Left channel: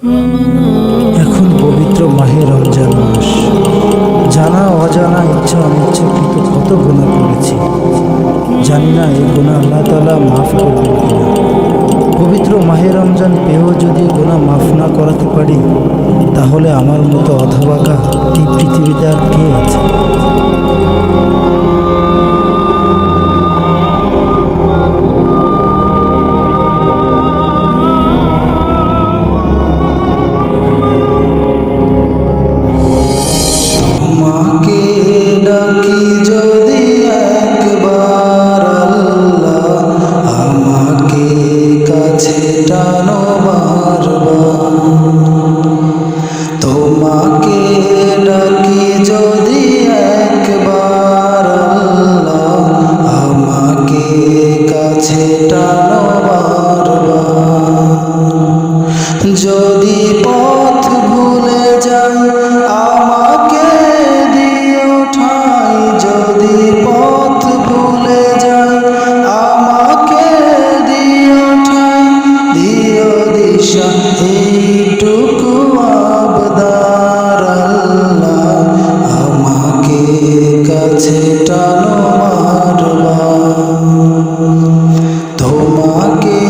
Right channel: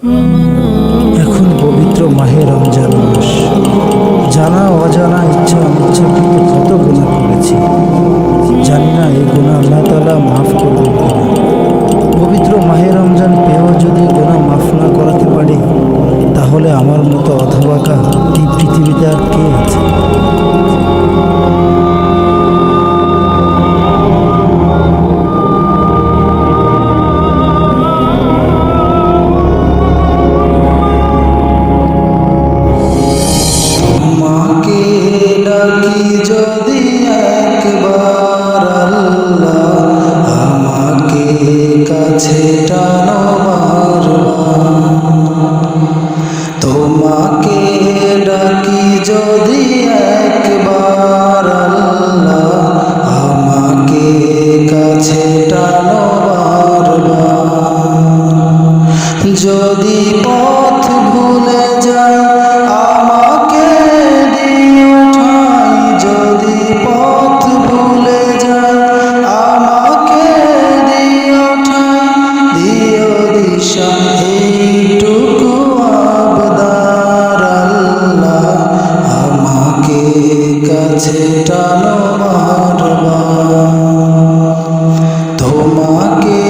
এখন পবিত্র মাহে রমজান মাস। জানা অজানা ইচ্ছা অনিচ্ছাকৃত কত গুণা করেছি। জানি না এই গুণা আল্লাহ তালা মাফ করবেন কিনা। পবিত্র মাহে রমজান পেয়েও যদি গুণা মাফ না করাতে পারি, তাহলে আমার মতো অধবাকা এই পৃথিবীতে আর কে আছে? যদি একবার আল্লাহ আমাকে কাছে টানো বারবার যদি পথ ভুলে যাই কাছে টানো মারবার তোমাকে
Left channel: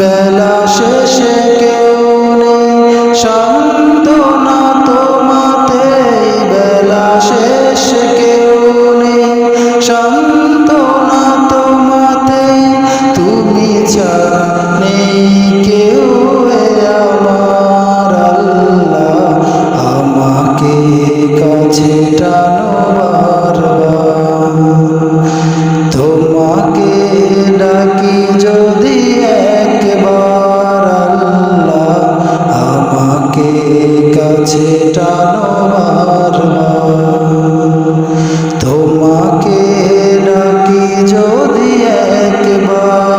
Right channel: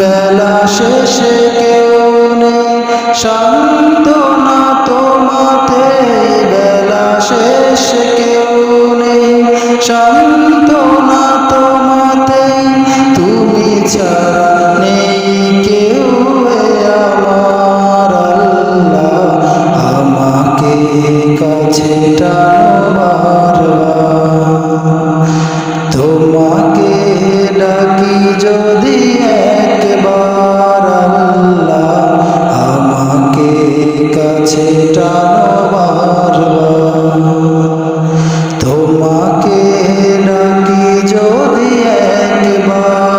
বেলা শেষে কেউ নেই শান্ত না তোমাতে। বেলা শেষে কেউ নেই শান্ত না তোমাতে তুমি ছাড়া কাছে টানো বারবার তোমাকে ডাকি যদি একবার